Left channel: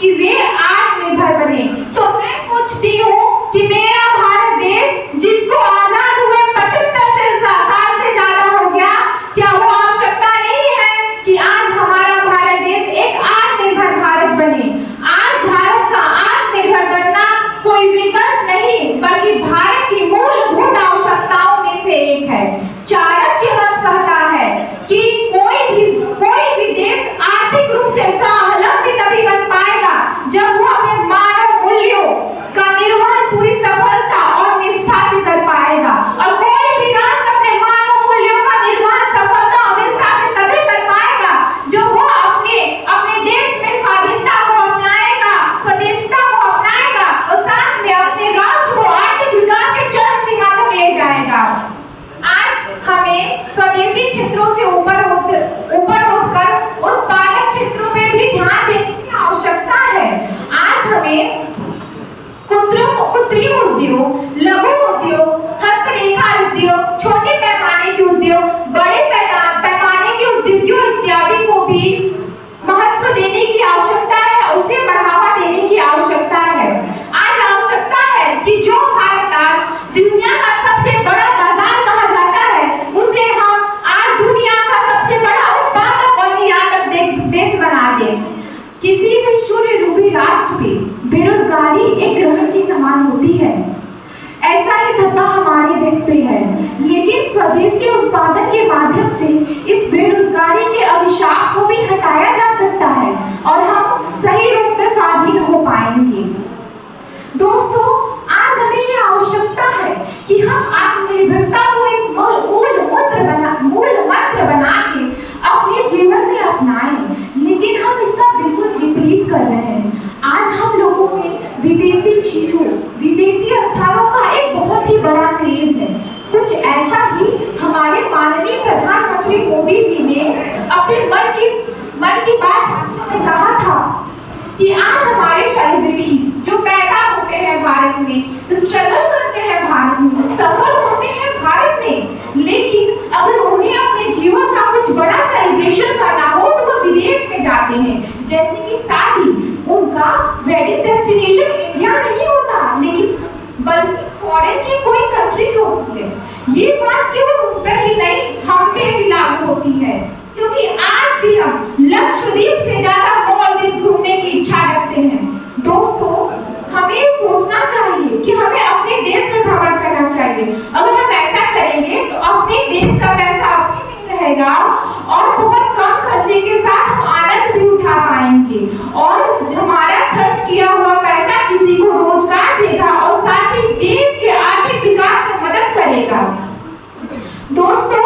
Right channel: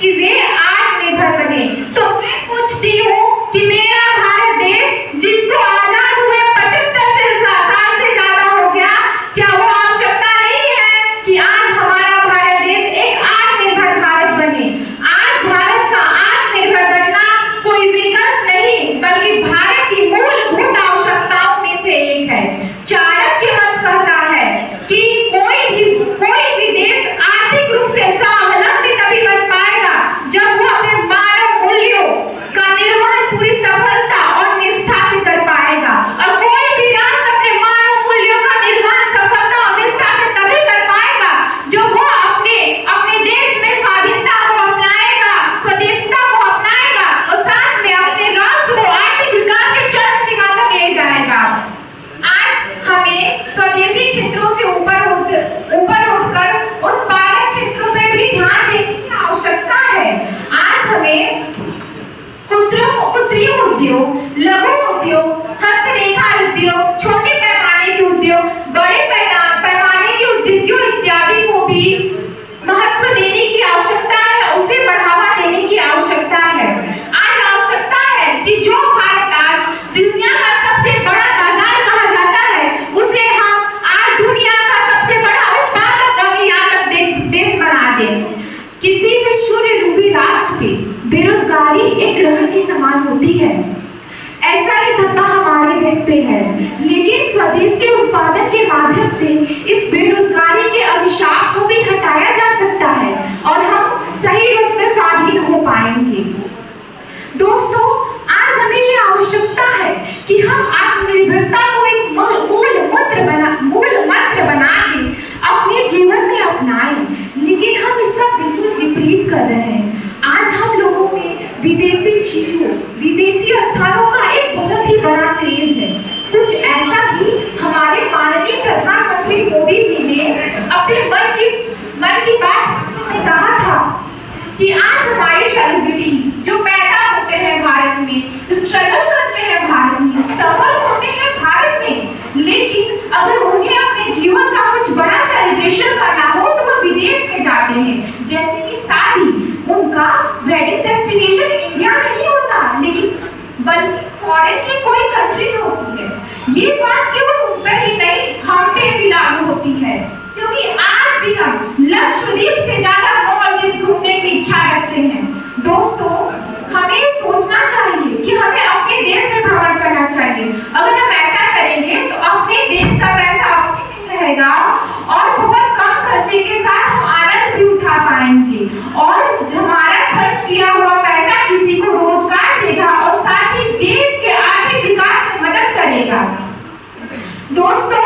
कि वे आत्मनिर्भर बने। तो मैं पूछती हूँ कि मेरा भारत देश जिसको आजाद हुए 75 साल से ज्यादा हो गया, क्या वो आवश्यकता नहीं है कि आज हमारा भारत देश एक आत्मनिर्भर भारत बने? आज भारत का आत्मनिर्भर बनना कोई विकल्प नहीं बल्कि भारत की मूलभूत आवश्यकताओं में से एक है। चाणक्य मत कहता है कि कोई भी देश आर्थिक रूप से स्वावलंबी तभी बन पाएगा जब वो अपने मानव मूल्यों का निर्वहन पूरी सफलता और निष्ठा से कर पाएगा। और कोई भी राष्ट्र अपने मानव मूल्यों का निर्वहन सफलता और निष्ठा से तभी कर पाएगा जब वो अपने देश में स्वाधीनता को अपनाएगा, स्वदेशिता को अपनाएगा और साथ में अपने राष्ट्र को आर्थिक विकास के चरम सीमा तक ले जाएगा। आज हमें स्वदेशी क्षेत्रों से ऊपर उठकर उत्पादक क्षेत्रों में भी ध्यान देने की आवश्यकता है। आज हमें कृत्रिम उद्योग, लघु उद्योग, हस्तनिर्मित उद्योग, छोटे पैमाने के उद्योग, बड़े पैमाने के उद्योगों इत्यादि को भी महत्व देने की आवश्यकता है, उसे बढ़ावा देने की आवश्यकता है। आज आवश्यकता है कि जो भारत आज दुनिया का सबसे बड़ा बाजार कहा जाता है, उसे हम आज दुनिया का सबसे बड़ा उत्पादक और निर्यातक देश बना दें। किसी भी सूर्यरूपी राष्ट्र पे बेरोजगारी एक ग्रहण की समान होती है। ऐसा ही धब्बा हमारे देश पे है, लेकिन स्वदेशी उत्पादन के माध्यम से इस बेरोजगारी के अभिशाप को भी हटाया जा सकता है और हम सही रूप में स्वाधीन हो पाएंगे। दोस्तों, आज हमें ये आवश्यकता है कि हम आत्मनिर्भरता को एक मूल मंत्र बना के अपने जीवन में अपनाएं, लेकिन हम इसका बिल्कुल विपरीत कर रहे हैं। आज हम लोगों में विदेशी चीजों, विदेशी स्थानों का एक बहुत ही बड़ा क्रेज है। कुछ ऐसा ही हमारे माननीय प्रधानमंत्री मोदी जी ने अपने मन की बात में कहा था कि आज हमारे सेलिब्रिटी जो पैदा होते हैं भारत में, स्ट्रगल करते हैं भारत में, सफल होते हैं भारत में, लेकिन अगर उन्हें अपने जीवन का कुछ बड़ा सेलिब्रेशन करना हो तो वो विदेश में जाते हैं। जैसे कि शादी, उनका वेडिंग डेस्टिनेशन इंडिया नहीं होता, लेकिन बल्कि फॉरेन की कोई कंट्री होती है। ये बात केवल उन पर ही नहीं, हम पे भी लागू होती है, क्योंकि आज भी हम लक्षद्वीप से ज्यादा मालदीव घूमने की इच्छा रखते हैं। दोस्तों, हमें सोचना चाहिए कि हमें अपने देश में भ्रमण करना चाहिए। अगर हम ऐसा करेंगे तो अपने देश का पैसा अपने में रहेगा और बहुत कम खर्चे के साथ हम आनंद भी उठा पाएंगे और हमारा खर्च किया हुआ पैसा किसी को रोजगार देगा और साथ ही देश के आर्थिक विकास में मदद करेगा। दोस्तों,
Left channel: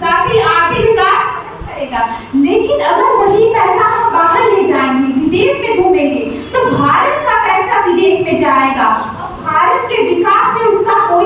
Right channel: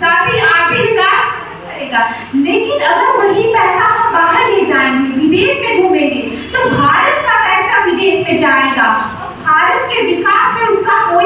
साथ ही आर्थिक विकास करेगा, लेकिन अगर वही पैसा हम बाहर ले जाएंगे, विदेश में घूमेंगे, तो भारत का पैसा विदेश में जाएगा और भारत के विकास में उसका कोई